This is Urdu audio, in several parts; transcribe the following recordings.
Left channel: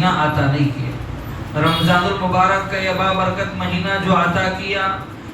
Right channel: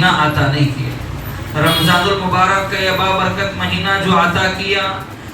مہینہ عطا نہیں کیا۔ رمضان المبارک کا یہ بابرکت مہینہ جو عطا کیا،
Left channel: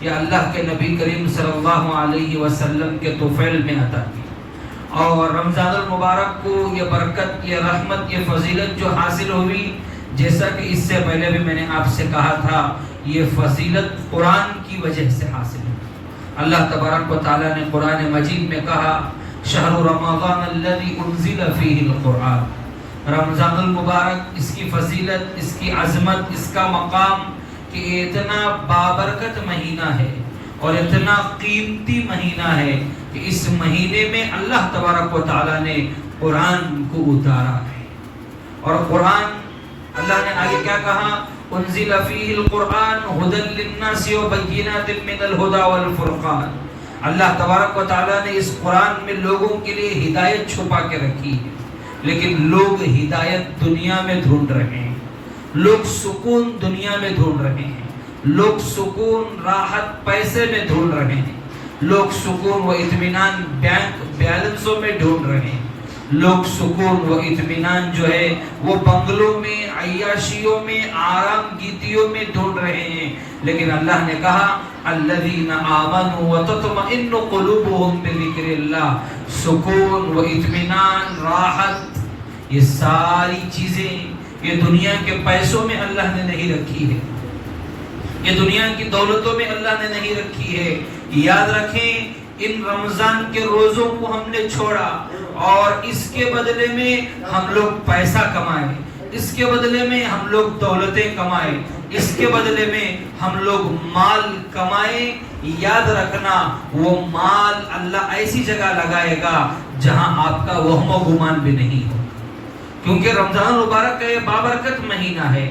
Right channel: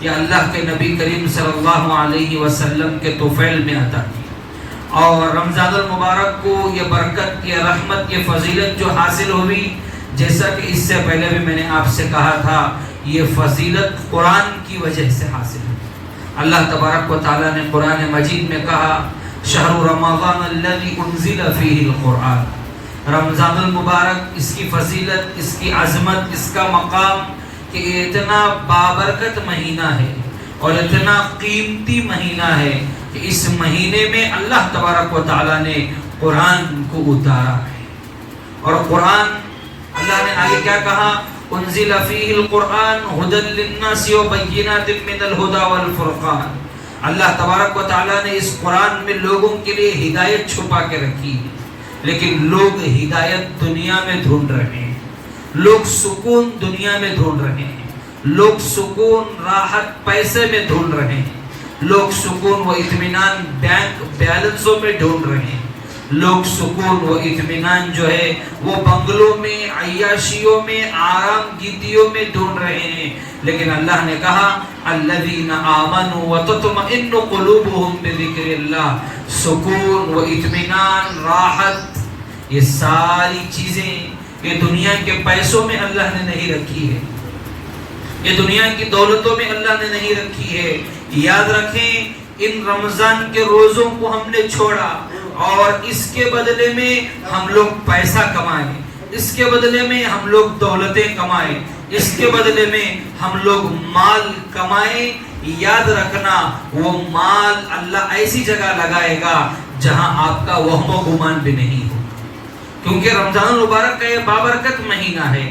یہ اللہ کے نبی کریم صلی اللہ علیہ وسلم کے طفیل میں عطا کیا۔ اور رمضان المبارک کو یہ برکت، یہ رحمت، یہ فضیلت جو حاصل ہوئی، جیسا کہ اس سے پہلے بھی میں نے آپ سے کہا تھا، یہ فضیلت قرآن کی وجہ سے حاصل ہے۔ اللہ تبارک و تعالیٰ نے قرآن مجید میں کہا شہر رمضان الذی انزل فیہ القرآن، رمضان المبارک، اس کی فضیلت، اس کی عظمت، اس کا مقام کہ اتنا بابرکت مہینہ ہے اور اتنا قیمتی مہینہ ہے کہ اس مہینے میں اللہ تبارک و تعالیٰ نے قرآن کو اتارا ہے۔ اور قرآن، اللہ نے آگے کیا کہا؟ انزل فیہ القرآن ھدی للناس وبینات من الھدی والفرقان، اللہ تبارک و تعالیٰ نے اس قرآن میں لوگوں کے لیے ہدایت چھپا کے رکھی ہے، لیکن لوگ ہدایت دنیا میں ڈھونڈ رہے ہیں، لوگ سکون دنیا میں ڈھونڈ رہے ہیں، لوگ سکون راحت پیسے میں ڈھونڈ رہے ہیں، لوگ سکون و اطمینان بینک بیلنسوں میں ڈھونڈ رہے ہیں، لوگ سکون و اطمینان جو ہے وہ بنگلوں میں، عیاشیوں میں، آرام گیتیوں میں ڈھونڈ رہے ہیں۔ لیکن اللہ نے کہا الذین آمنوا وتطمئن قلوبهم بذکر اللہ، سکون و اطمینان، راحت، یہ ساری چیزیں یہ دنیا کے پیسوں میں اللہ نے نہیں رکھی ہے، یہ دنیا کی دولتوں میں اللہ نے نہیں رکھی ہے۔ یاد رکھیں، ان رمضان کے روزوں کو ہم نے چھوڑا اور اس کے بدلے میں ہم لوگ پیسہ کمائے، اس کے بدلے میں ہم لوگ دولتیں کمائے، اس کے بدلے میں ہم لوگ مال کمائے۔ یاد رکھنا، وہ مال اللہ ایسی جگہ لگائے گا جہاں آپ کا وہم و گمان بھی نہیں ہو، کیونکہ رمضان المبارک کا یہ بابرکت مہینہ ہے۔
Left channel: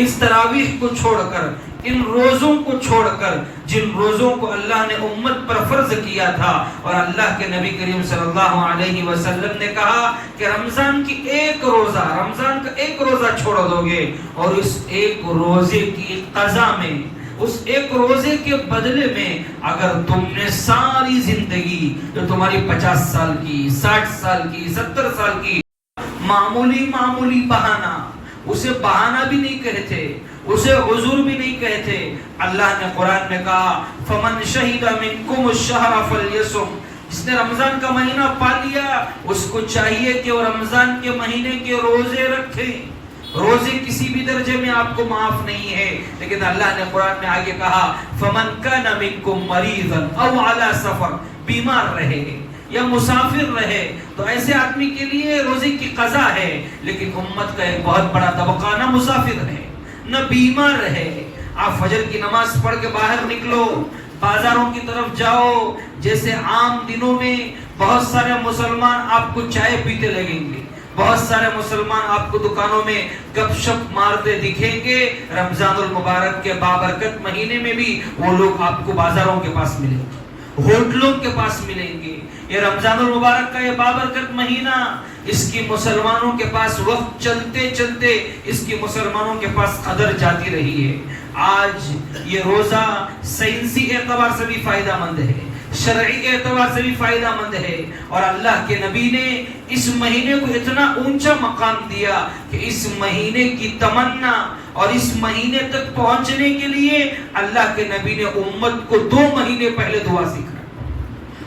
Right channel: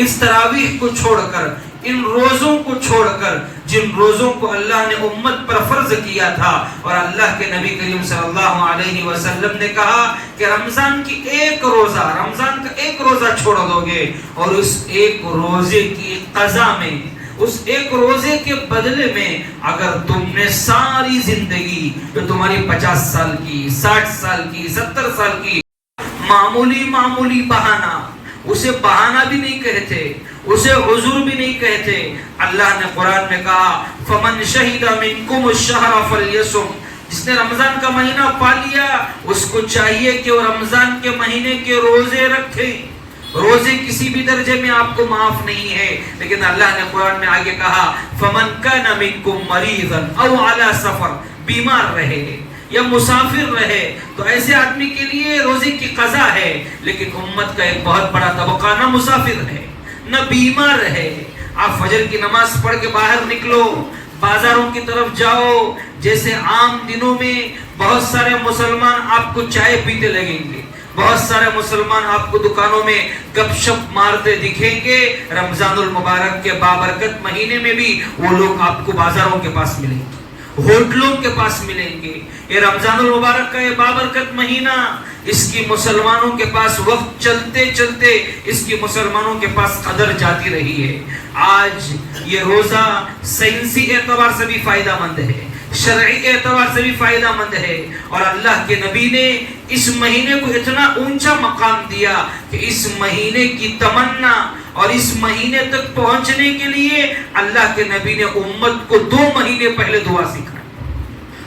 اس تراویح کو چھوڑ کر، ان روزوں کو چھوڑ کر، جن روزوں کو اللہ نے امت پر فرض کیا تھا، اور اللہ کے نبی کریم صلی اللہ علیہ وسلم نے کہا کہ رمضان کی ایک روزہ، رمضان کا ایک روزہ چھوڑ دو گے اور اس ایک روزے کی قضا میں، اس ایک روزے کے بدلے میں اگر تم نے ساری زندگی جو تمہاری 50 سال کی، 60 سال کی، 70 سال کی معمولی بہانہ، اسے بہانہ بھی نہیں کہتے، اسے عذر بھی نہیں کہتے، اللہ نے قرآن میں کہا فمن شہد منکم الشہر فلیصم، جس نے رمضان کا مہینہ پا لیا اس کو چاہیے کہ وہ رمضان کے مہینے کے روزے رکھے۔ روزے کسی بھی درجے میں آپ کو معاف نہیں ہے، لیکن اللہ نے قرآن میں آگے کہا فمن کان منکم مریضا او علی سفر، بیمار رہے یا مسافر رہے تو ایسے آدمی کے لیے روزے کی قضا ہے، لیکن امت کا ایک بہت بڑا طبقہ نہ مسافر ہے نہ بیمار ہے۔ آپ فجر کی نماز پڑھ کے باہر نکلو، بازاروں کی طرف جاؤ، جیسے عام دنوں میں بہت سارے مسلمان آپ کو چائے پیتے لگیں گے، بہت سارے مسلمان آپ کو دکانوں میں گپ شپ مارتے دکھیں گے، رمضان المبارک کے بابرکت مہینے میں بھی وہ لوگ آپ کو بازاروں کے پاس ملیں گے، ہوٹلوں کے پاس ملیں گے۔ یہ رمضان المبارک کا یہ بابرکت مہینہ، اس کی مسلمانوں کے پاس وقت چلتے چلتے اس کی مسلمانوں کے پاس قدر جاتی رہی ہے۔ آج یہ روزہ سائنسی اعتبار سے بھی فائدہ مند ہے، شرعی اعتبار سے بھی فائدہ مند ہے، اور اللہ کے نبی نے اس مہینے کو اتنا اونچا مقام دیا کہ اس مہینے کی تمنا اور اس مہینے تک پہنچنے کے لیے اللہ کے نبی نے امت کو 2 مہینے پہلے دعا سکھائی،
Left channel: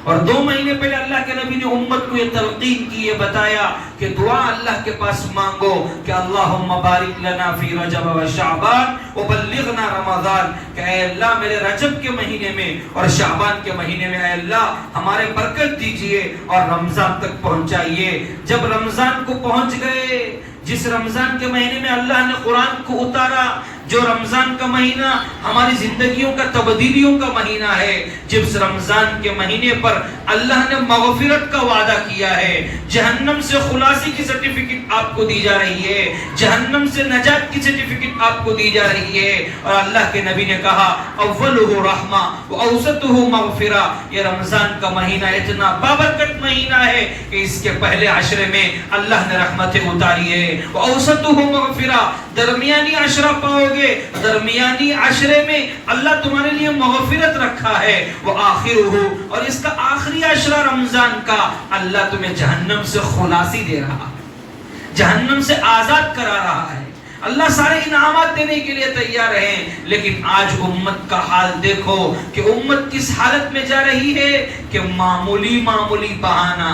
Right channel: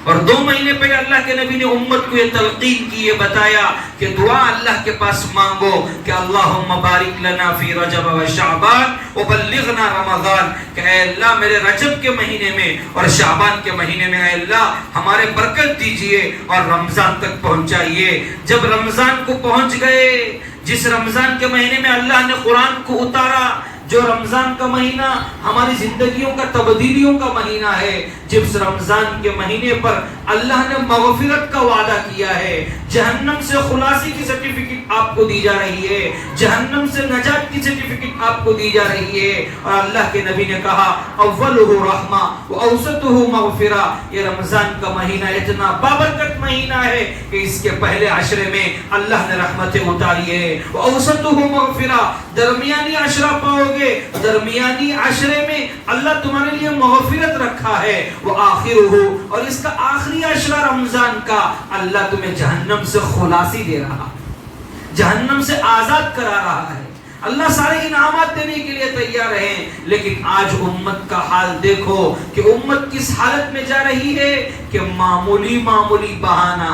اور 2 مہینے پہلے اللہ کے نبی نے امت کو یہ تلقین کی، یہ بتایا کہ دعا اللہ کے پاس مانگو کہ اللہم بارک لنا فی رجب و شعبان وبلغنا رمضان، کہ اے اللہ میرے رجب کے مہینے میں اور شعبان کے مہینے میں اے اللہ ہمارے برکت دیجئے اور رمضان تک پہنچائیے۔ جب رمضان کو پہنچ گئے، جس رمضان کے مہینے میں اللہ نے قرآن کو اتارا، جو رمضان کا مہینہ ہماری زندگیوں کا تبدیلیوں کا مہینہ ہے، جس رمضان کے مہینے پر اللہ نے مغفرت کا وعدہ کیا ہے، جہنم سے خلاصی کی سرٹیفکیٹ آپ کو دی جا رہی ہے، جہنم سے نجات کی سرٹیفکیٹ آپ کو دی جا رہی ہے، اور اللہ کے نبی نے کہا اولہ رحمہ واوسطہ مغفرہ، یہ رمضان کا مہینہ اتنا بابرکت مہینہ ہے کہ اس کے پہلے عشرے میں اللہ نے رحمتیں اتاری ہے، واوسطہ مغفرہ، درمیانی عشرہ پاؤ گے، درمیانی عشرے میں اللہ تمہارے لیے مغفرت رکھا ہے، وآخرہ، اور اس کا آخری عشرہ رمضان کا اللہ تمہیں جہنم سے خلاصی دے رہا ہے۔ جہنم سے آزاد کرا رہا ہے. اللہ سارے انعامات دینے کے لیے تیار ہے، لیکن آج امت کا حال دیکھو کہ امت کس حالت میں جا رہی ہے کہ معمولی بہانہ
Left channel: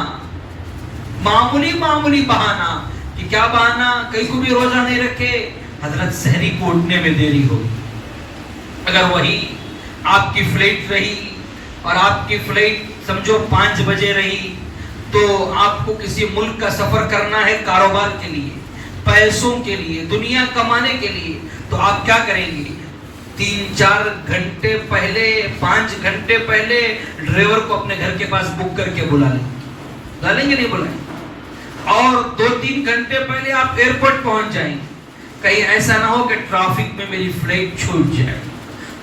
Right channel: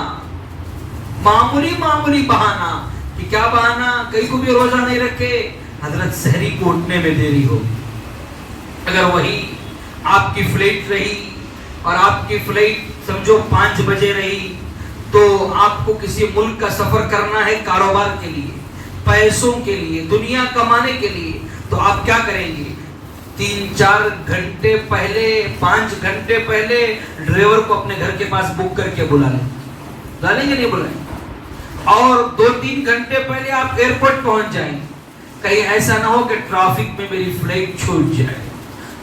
کہ کیا بہانہ، کہیں کو بھی روزہ نہیں رکھے، حضرت سحری کو اٹھنے میں دیری ہوگی. اگر وہی آپ کی فلائٹ رہی اور آپ کی فلائٹ سمجھو 5 بجے رہی، تو آپ کو کسی ملک کا سفر کرنا ہے کاروبار کے لیے، پیسوں کے لیے، دنیا کمانے کے لیے، تو آپ کیا کریں گے؟ 3-4 گھنٹے پہلے، 5 گھنٹے پہلے ڈرائیور کو اپنے گھر کے پاس بک کر کے بلا لیں گے نہیں بلائیں؟ اور 2-3 گھنٹے پہلے آپ ایئرپورٹ پہنچ جائیں گے. کہیں ایسا نہ ہو کہ ٹریفک میں میری فلائٹ چھوٹ جائے.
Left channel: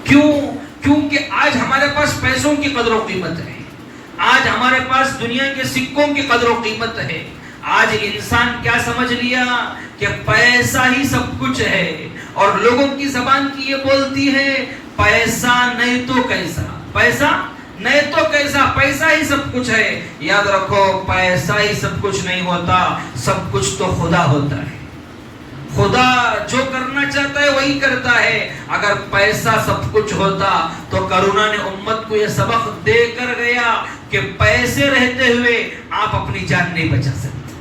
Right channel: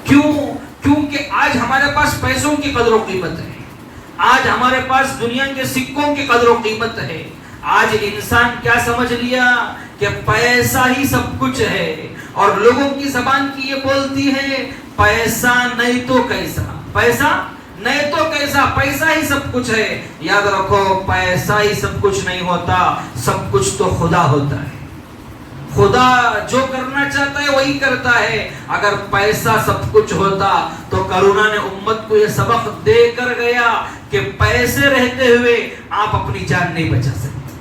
کیونکہ آج ہمارے پاس پیسوں کی قدر و قیمت ہے، آج ہمارے پاس دنیا کے سکوں کی قدر و قیمت ہے. آج انسان کیا سمجھ لیا کہ پیسہ ہی سب کچھ ہے، اور لوگوں کی زبان کی یہ بولتی ہے پیسہ نہیں تو کیسا، پیسہ نہیں تو کیسا، پیسہ ہی سب کچھ ہے. یاد رکھو پیسہ ہی سب کچھ نہیں ہوتا، سب کچھ تو خدا ہوتا ہے. خدا جو کرنا چاہتا ہے وہی کرتا ہے. اگر پیسہ سب کچھ ہوتا تو کرونا نے امت کو یہ سبق دے کر گیا کہ پیسے رہتے ہوئے آپ اپنی جان نہیں بچا سکتے،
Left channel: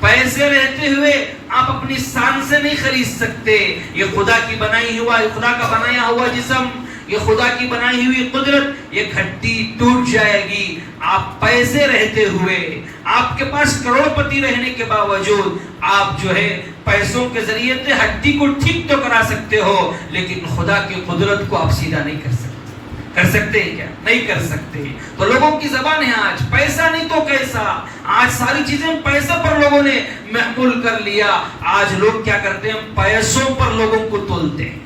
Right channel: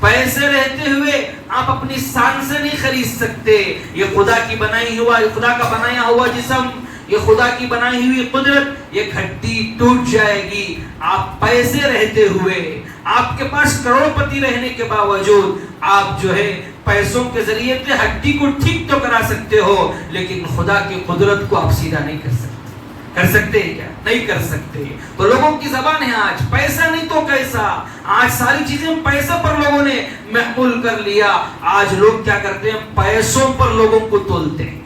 پیسے رہتے ہوئے آپ اپنی شان سے نہیں خرید سکتے. یہ خدا کی بنائی ہوا، خدا کا بنایا ہوا جسم، یہ خدا کی بنائی ہوئی قدرت، یہ گھٹی ٹوٹ جائے گی. آپ پیسے رہتے ہوئے، آپ کے پاس کروڑ پتی رہنے کے باوجود آپ جو ہے پیسوں کے ذریعے سے ہڈی کو ٹھیک تو کرا سکتے ہو، لیکن خدا کی قدرت کو آپ سیدھا نہیں کر سکتے. کر سکتے ہیں کیا؟ نہیں کر سکتے. تو لوگوں کی زبان ہے آج پیسہ نہیں تو کیسا. آج ساری چیزیں پیسے پر لوگوں نے محمول کر لیا. آج لوگ کیا کرتے ہیں؟ پیسوں پر لوگوں کو تولتے ہیں.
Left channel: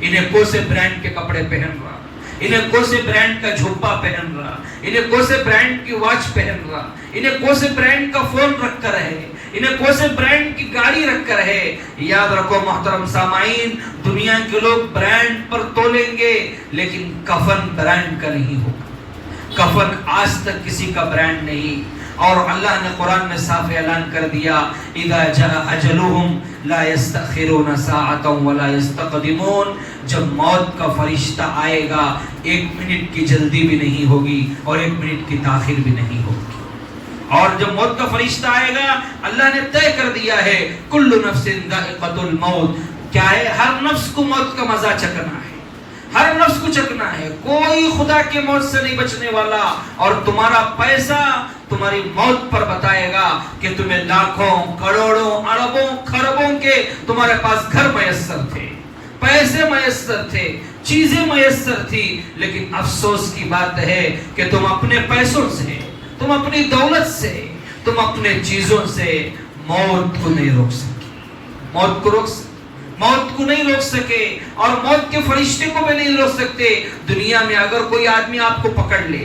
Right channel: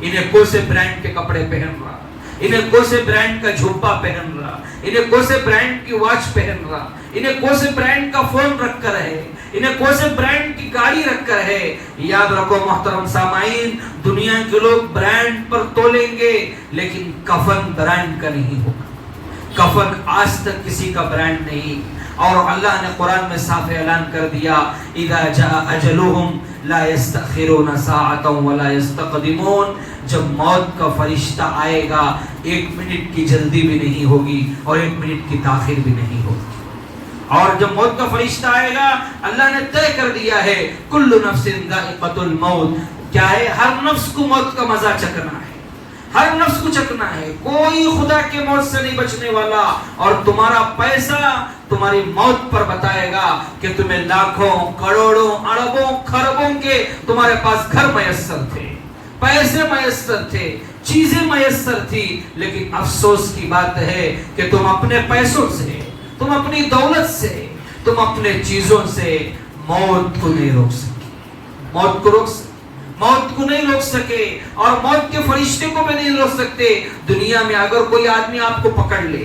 انہیں کون سے برانڈ کے کپڑے پہن رہا، انہیں کون سے برانڈ کا جھوپا پہن رہا، انہیں کون سے برانڈ کی واچ پہن رہا، انہیں کون سے برانڈ کا فون رکھ کر ہے، انہیں کون سے برانڈ کی گاڑی رکھ کر ہے. یاد رکھو محترم سامعین، دنیا کے لوگ برانڈ پر تولیں گے، لیکن کفن برانڈ کا نہیں ہوگا. کفن آج تک کسی کا برانڈ نہیں. اور اللہ نے قرآن میں صاف اعلان کر دیا اذا جاء اجلهم لا يستأخرون ساعة ولا يستقدمون. جب موت کا فرشتہ آئے گا 1 منٹ کی جلدی بھی نہیں ہوگی اور 1 منٹ کی تاخیر بھی نہیں ہوگی. اور جب موت کا فرشتہ آئے گا اللہ نے طے کر دیا ہے کل نفس ذائقۃ الموت. کیا ہے؟ ہر نفس کو موت کا مزہ چکھنا ہے، ہر نفس کو چکنا ہے. کوئی خدا کے موت سے نہیں بچنے والا. اور تمہارا پیسہ تمہاری موت پر بتائے گا کہ تمہیں لاکھوں، کروڑوں، اربوں، خربوں کے تمہارے پاس گھر میسر تھے، پیسے میسر تھے، چیزیں میسر تھی، لیکن افسوس کی بات ہے کہ تم اپنے پیسوں سے، تم اپنی دولت سے، تم اپنے چیزوں سے موت کو نہیں روک سکے. موت کو نہیں روک سکے اور موت کے فرشتے کو بھی نہیں روک سکتے. دنیا میں اگر کوئی آدمی آپ کو پکڑ لے،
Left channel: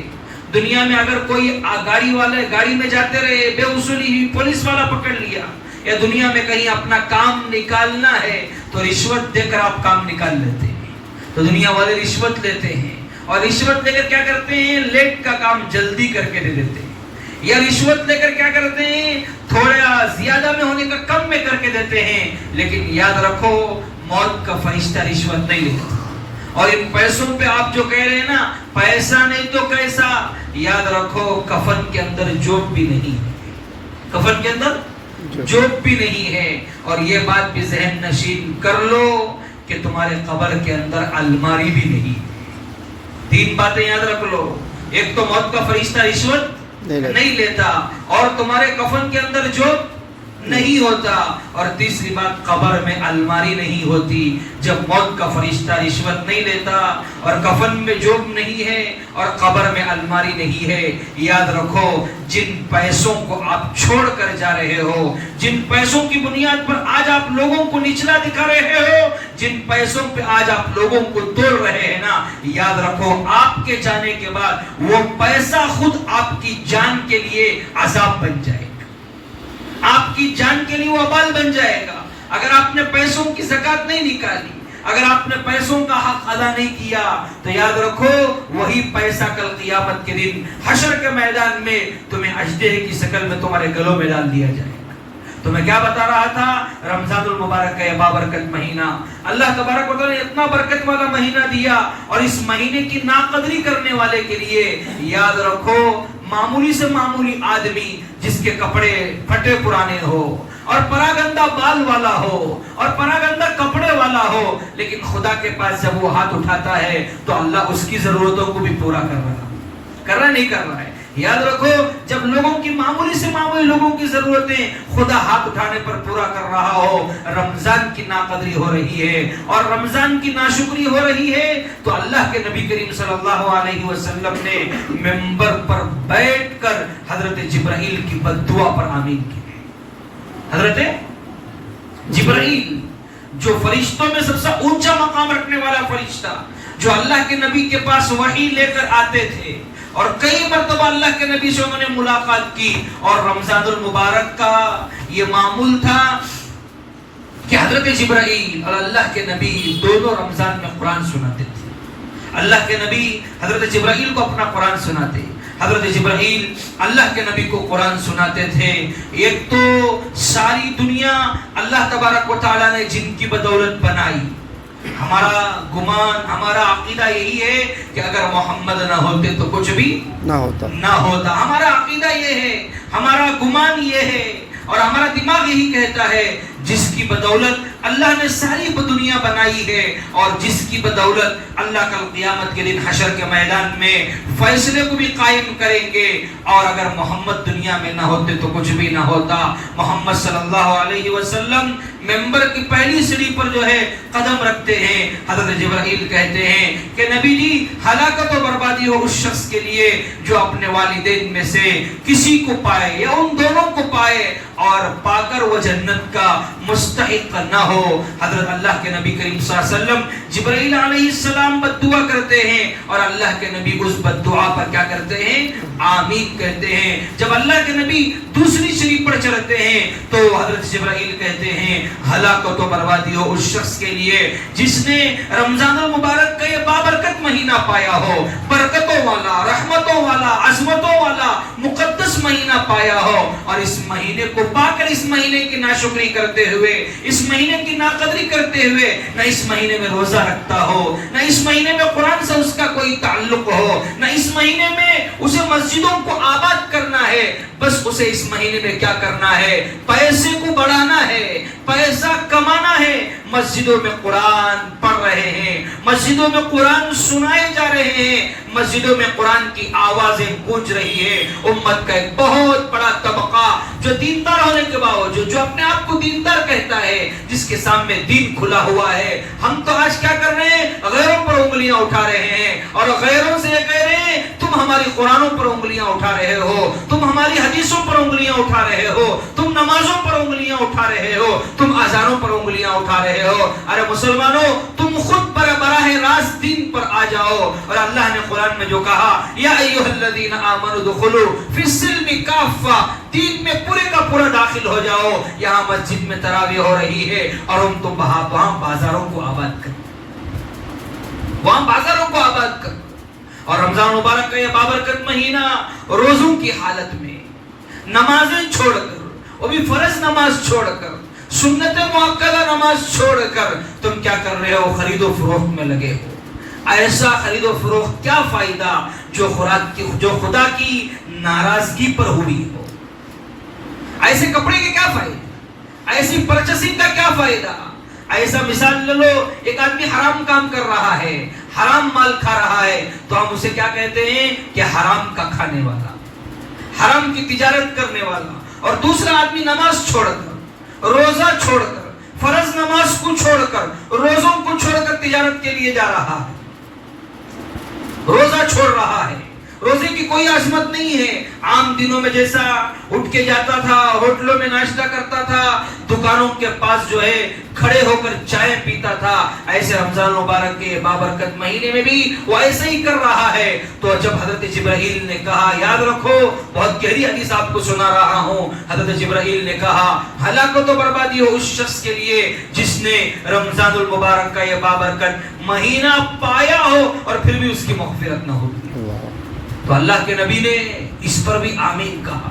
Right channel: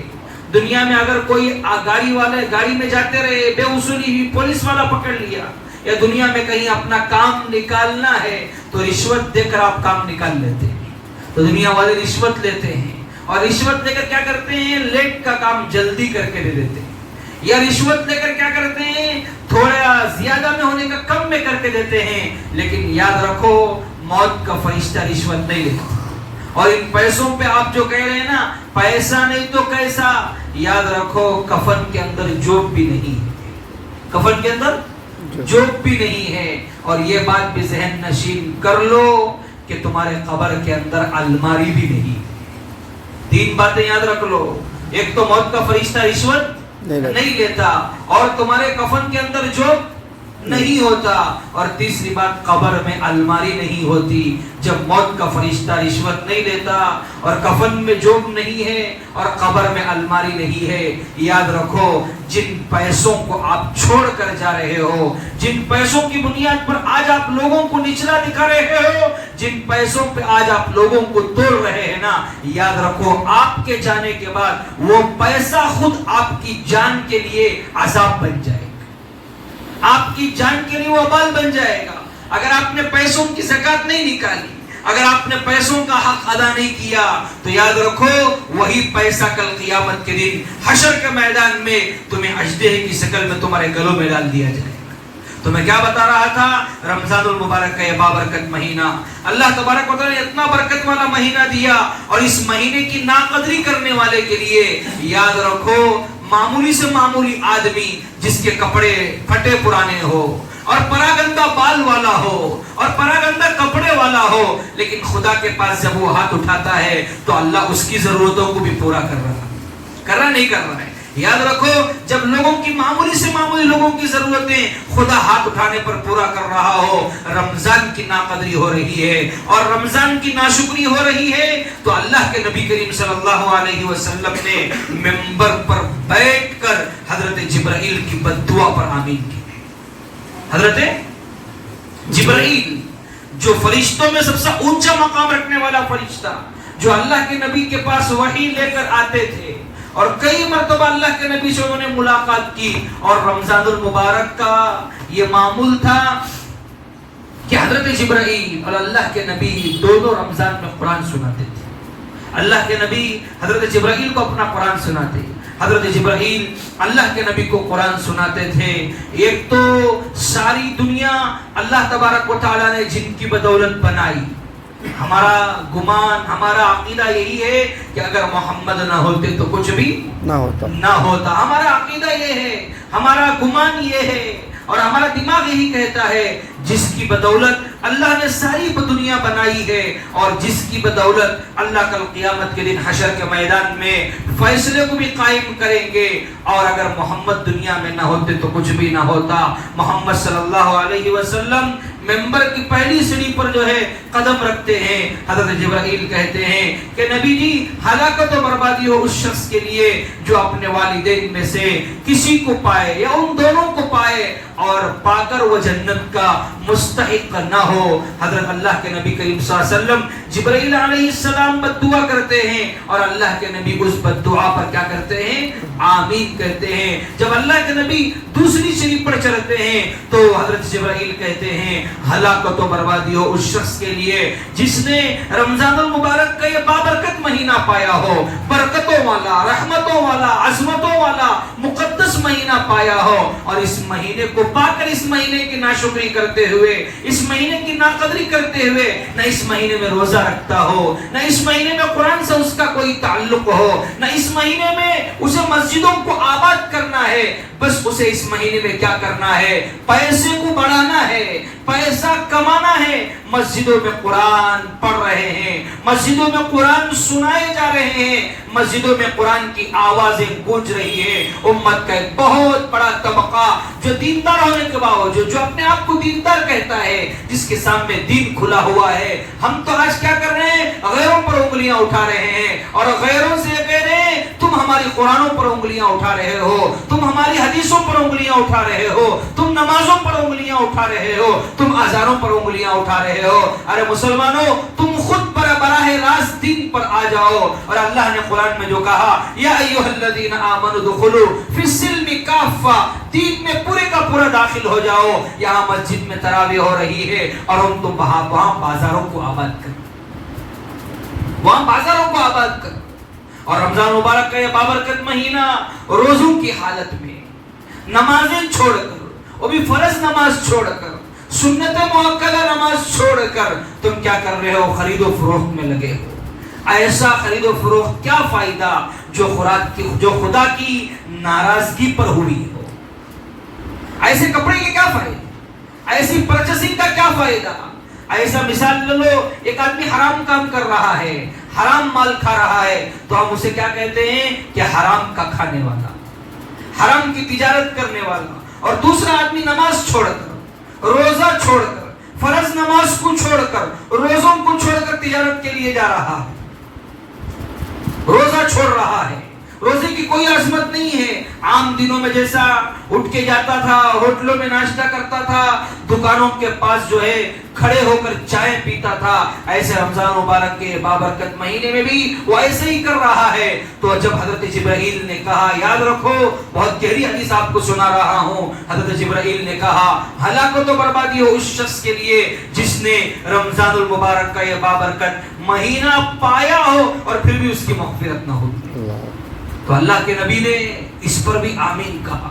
دنیا میں اگر کوئی گاڑی میں جاتے رہے، بے اصولی ہوئی، پولیس والا پکڑ لیا، یا دنیا میں کہیں اپنا کام نکالنا ہے تو رشوت دے کر آپ کام نکال لیتے ہیں. تو دنیا والے رشوت لیتے ہیں، اور رشوت لے کر کیا کرتے ہیں؟ لیٹ کا کام جلدی کر کے دے دیتے ہیں. یا رشوت لے کر کیا کرتے ہیں؟ تھوڑا زیادہ میں ہونے کا کم میں کر کے دیتے ہیں. لیکن یاد رکھو موت کا فرشتہ رشوت نہیں لیتا. اور ان پیسوں پہ آپ جو کہہ رہے ہیں نا پیسہ نہیں تو کیسا، یاد رکھو کفن کے اندر جوب بھی نہیں ہے، کفن کے اندر جوب بھی نہیں ہے. اور یہ بات بھی ذہن نشین کر لو کہ تمہارے قبر کے اندر الماری بھی نہیں ہے. 3 باتیں یاد رکھ لو. ایک تو موت کا فرشتہ رشوت نہیں لیتا، اور تمہارے کفن کے اندر جوب نہیں ہوتا، اور تیسری بات قبر میں الماری نہیں ہوتی. جب موت کا فرشتہ رشوت نہیں لیتا اور کفن میں جوب نہیں ہے اور قبر میں الماری نہیں ہے، یاد رکھو جن پیسوں کو آپ چھوڑ کر جا رہے ہو، جن پیسوں کی بنیاد پر آج آپ لوگوں کو نچلا دکھا رہے ہو، جن پیسوں پہ آج آپ لوگوں کو توڑ رہے ہیں نا، یاد رکھو آپ کے جانے کے بعد وہ پیسہ خود آپ کی جان کے لیے عذاب بن جائے گا، آپ کی جان کے لیے وبال بن جائے گا. اگر آپ نے پیسوں کی زکات نہیں نکالی، اگر آپ نے پیسوں کا حق ادا نہیں کیا، تو یاد رکھو وہی پیسہ کل قیامت کے دن حشر کے میدان میں تمہیں اژدہے کی شکل میں تمہارے گلوں میں ڈال دیا جائے گا، تو میں کیا بتا رہا تھا؟ رمضان المبارک کا یہ بابرکت مہینہ اللہ تبارک و تعالیٰ نے اتنا برکت والا مہینہ دیا، اور اس مہینے کی ناقدری کرنے والے کے لیے یاد رکھو، معمولی سے معمولی آدمی جس کے کپڑے پھٹے پرانے ہو اور پراگندہ بال والا ہو اور پراگندہ کپڑے والا ہو، لیکن خدا کے پاس جب وہ ہاتھ اٹھاتا ہے تو اللہ اس کی ضرورتوں کو بھی پورا کر رہا نہیں کر رہا ہے۔ یاد رکھو، جب لوگوں کی معمولی سے معمولی لوگوں کی ضرورتیں خدا ہاتھ اٹھانے پر پورا کر رہا ہو، رمضان کی ناقدری ہو رہی ہے اور رمضان کی ناشکری ہو رہی ہے، تو اللہ کے نبی کریم صلی اللہ علیہ وسلم نے منبر پر بیٹھ کر حضرت جبرائیل کی بد دعا پر آمین کی۔ حضرت جبرائیل جو فرشتوں میں سب سے اونچا مقام رکھنے والا فرشتہ، جو اللہ کے نبی کے پاس وحی لے کر آتے تھے، اور کئی مرتبہ اللہ کے نبی سے انہوں نے ملاقات کی، اور رمضان المبارک کا یہ معمول تھا کہ حضرت جبرائیل اور اللہ کے نبی دونوں رمضان میں قرآن سناتے تھے۔ اللہ کے نبی حضرت جبرائیل کو اپنا قرآن سناتے، حضرت جبرائیل اللہ کے نبی کو قرآن سناتے تھے۔ ایک تو ساری دنیا اللہ تبارک و تعالیٰ نے جن کی بدولت بنائی، ہمارا گمان، ہمارا عقیدہ یہی ہے کہ اگر محمد نہ ہوتے تو کچھ بھی نہ ہوتا۔ ہمارا عقیدہ یہ ہے، ہمارا گمان یہ ہے، اور ہمارا دماغ یہی کہتا ہے جس کی بدولت اللہ نے ساری دنیا بنائی ہے، اور جس کی بدولت اللہ کل قیامت کے دن حشر کے میدان میں فیصلے کو بھی قائم کریں گے، اور اگر محمد دنیا میں نہ ہوتے تو کچھ بھی نہ ہوتا۔ محمد صلی اللہ علیہ وسلم ممبر کی پہلی سیڑھی پر جو ہے قدم رکھتے ہیں، حضرت جبرائیل کہتے ہیں کہ نبی جی، ہلاکت و بربادی ہو اس شخص کے لیے جو اپنے والدین میں سے کسی کو پائے یا ان دونوں کو پائے اور پا کر وہ جنت کا مستحق نہ ہو۔ حضرت اللہ کے نبی کریم صلی اللہ علیہ وسلم جبرائیل علیہ السلام بد دعا کرتے ہیں، اور اللہ کے نبی اس بد دعا پر کیا کرتے ہیں؟ آمین کہتے ہیں۔ جب اللہ کے نبی دوسری سیڑھی پر چڑھتے ہیں تو حضرت جبرائیل کہتے ہیں ہلاکت و بربادی ہو اس شخص کے لیے جس نے رمضان المبارک کا یہ بابرکت مہینہ پایا ہو، برکتوں والا، رحمتوں والا، عظمتوں والا مقدس مہینہ پایا ہو، اور اس مہینے کو پا کر اس مہینے کی ناشکری کرتے ہوئے، اس مہینے کی ناقدری کرتے ہوئے نہ اس مہینے میں روزہ رکھتا ہو، نہ اس مہینے میں قرآن سے اس کا کوئی تعلق ہو، نہ اس مہینے میں اسے مسجدوں کو آباد کرنا ہے، بس اسے اس مہینے میں کیا کرنا ہے؟ پیسے کو بڑھانا ہے، پیسہ کمانا ہے۔ مسجدوں میں قرآن پڑھ رہے ہیں، مسجدوں میں قرآن سنائے جا رہے ہیں، مسجدوں میں قرآن کی آوازیں گونج رہی ہے۔ امت کا ایک بہت بڑا طبقہ جو دیندار ہونے کے باوجود، جو اپنے آپ کو دیندار کہتا ہے، جس کے سامنے دین کھلا ہوا ہے، ہم تو آج کیا کر رہے ہیں؟ غیروں پر انگلیاں اٹھا رہے ہیں، اور غیروں سے یہ کہہ رہے ہیں تم ہماری قرآنوں پر انگلیاں اٹھا رہے ہو، تم ہماری حدیثوں پر انگلیاں اٹھا رہے ہو، تم نمازوں پر انگلیاں اٹھا رہے ہو، تم اذانوں پر انگلیاں اٹھا رہے ہو۔ ارے مسلمانوں، تم خود براہ راست دین پر آ جاؤ، اور اللہ نے قرآن میں جو کہا یا ایھا الذین آمنوا ادخلوا فی السلم کافہ، دین میں پورے کا پورا داخل ہو جاؤ۔ یہاں مسجد میں تراویح ہو رہی ہے اور ہم تم وہاں بازاروں کو آباد کر، وہاں بازاروں کو آباد کر۔ اور رمضان مبارک کا یہ بابرکت مہینہ، روزوں کی حالت میں نمازیں چھوڑ کر، وہ بھی فرض نماز چھوڑ کر، سنت مؤکدہ نماز چھوڑ کر تم کیا کر رہے ہو؟ خرید و فروخت میں لگے ہو۔ ایسا خرید و فروخت کیا فائدہ جو خدا کی ناراضگی پر ہوئی ہو؟ ایسے کپڑے کے کیا فائدے؟ ایسی پرچیسنگ کا کیا فائدہ؟ ایسا مثال لے لو، ایک آدمی حرام کام کر رہا ہے، حرام مال کھا رہا ہے، تو ہم اسے کیا کہتے ہیں؟ کہ حرام کا کھانے والا، حرام کی تجارت کرنے والا۔ اور دوسرا آدمی نماز چھوڑ کر، روزہ چھوڑ کر، فرض نماز کو چھوڑ کر، روزوں کو چھوڑ کر تجارت کے لیے جا رہا ہے، روزہ چھوڑ رہا ہے۔ روزے کی کوئی عظمت نہیں ہے۔ عام دنوں میں جیسا اٹھ کے جاتا تھا، ہوٹلوں میں ناشتہ کرتا تھا، دکانوں کے پاس جو ہے کھڑے ہو کر چائے پیتا تھا، ایسے رمضان مبارک کے بابرکت مہینے میں بھی وہ ایسے ہی کر رہا ہے۔ تو جب حضرت جبرائیل نے کہا، یاد رکھو بہت گہری حدیث آپ کو سنا رہا ہوں، حضرت جبرائیل نے کہا ہلاکت و بربادی ہو اس شخص کے لیے جس نے رمضان المبارک کا یہ بابرکت مہینہ پایا ہو اور پھر بھی اس کی مغفرت نہ ہو۔ تو اللہ کے نبی نے اس پر بھی آمین کہا۔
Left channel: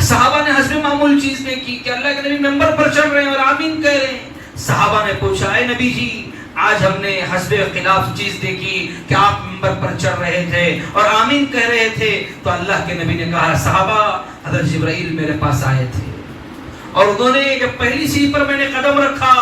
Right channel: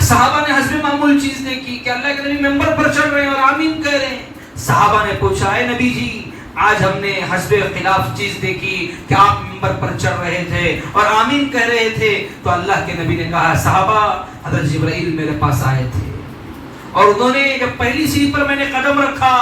صحابہ نے حسب معمول چیز دیکھی کہ اللہ کے نبی ممبر پر چڑھ رہے ہیں اور آمین کہہ رہے ہیں. صحابہ نے پوچھا اے نبی جی آج ہم نے حسب خلاف چیز دیکھی کہ آپ ممبر پر چڑھ رہے تھے اور آمین کہہ رہے تھے. تو اللہ کے نبی نے کہا صحابہ حضرت جبرائیل میرے پاس آئے تھے اور انہوں نے جب پہلی سیڑھی پر میں نے قدم رکھا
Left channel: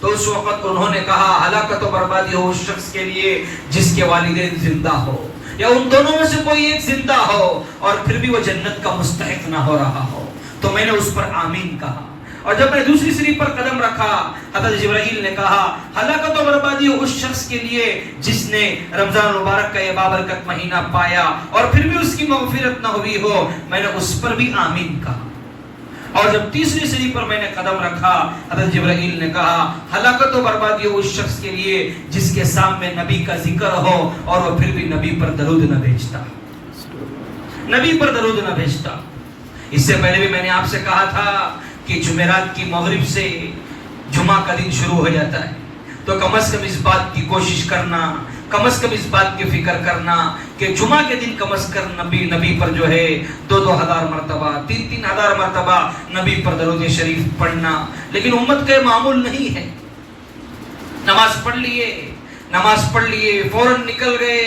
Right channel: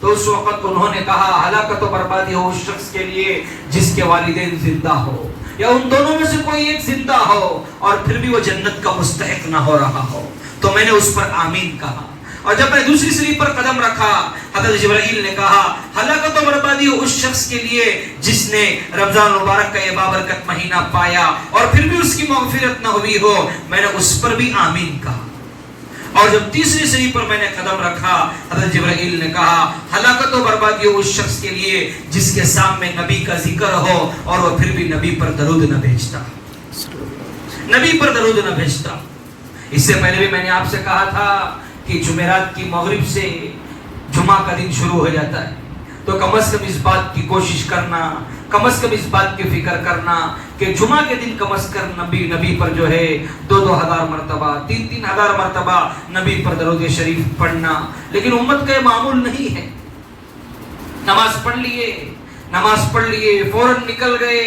تو اس وقت انہوں نے کہا ہلاکت و بربادی ہو اس شخص کے لیے جس کے والدین زندہ ہو یا ان دونوں میں سے کوئی ایک زندہ ہو اور پھر بھی وہ جنت کا مستحق نہ ہو رہا ہو. تو میں نے اس پر آمین کہا. اور جب میں دوسری سیڑھی پر قدم رکھا حضرت جبرائیل نے کہا ہلاکت و بربادی ہو اس شخص کے لیے جس نے رمضان مبارک کا یہ بابرکت مہینہ پایا اور پھر بھی اس کی مغفرت نہ ہوئی ہو. میں نے اس پر بھی آمین کہا. اور جب تیسری سیڑھی پر میں نے قدم رکھا حضرت جبرائیل نے کہا ہلاکت و بربادی ہو اس شخص کے لیے جس کے سامنے نبی کا ذکر ہو اور وہ پھر بھی نبی پر درود نہ بھیجتا. نبی پر درود نہ بھیجتا. اس سے پہلے بھی میں نے آپ سے کہا تھا کہ جمعرات کی مغرب سے جمعہ کا دن شروع ہو جاتا ہے تو کم از کم اس بات کی کوشش کرنا, کم از کم اس بات کی فکر کرنا کہ جمعہ کے دن کم از کم نبی پر جو ہے 2,000 مرتبہ 3,000 مرتبہ نبی پر درود شریف پڑھنا. لیکن امت کا معمول نہیں ہے. نماز پڑھ لیے فوراً نکل گئے.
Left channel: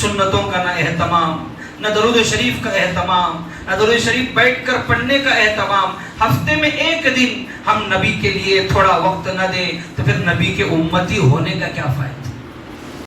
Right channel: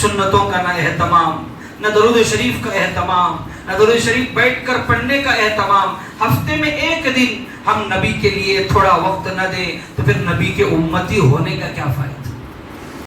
سنتوں کا نہ اہتمام, نہ درود شریف کا اہتمام, نہ درود شریف بیٹھ کر پڑھنے کا اہتمام. ہفتے میں ایک دن ہم نبی کے لیے تھوڑا وقت نہ دیں تو پھر نبی کے امتی ہونے کا کیا فائدہ.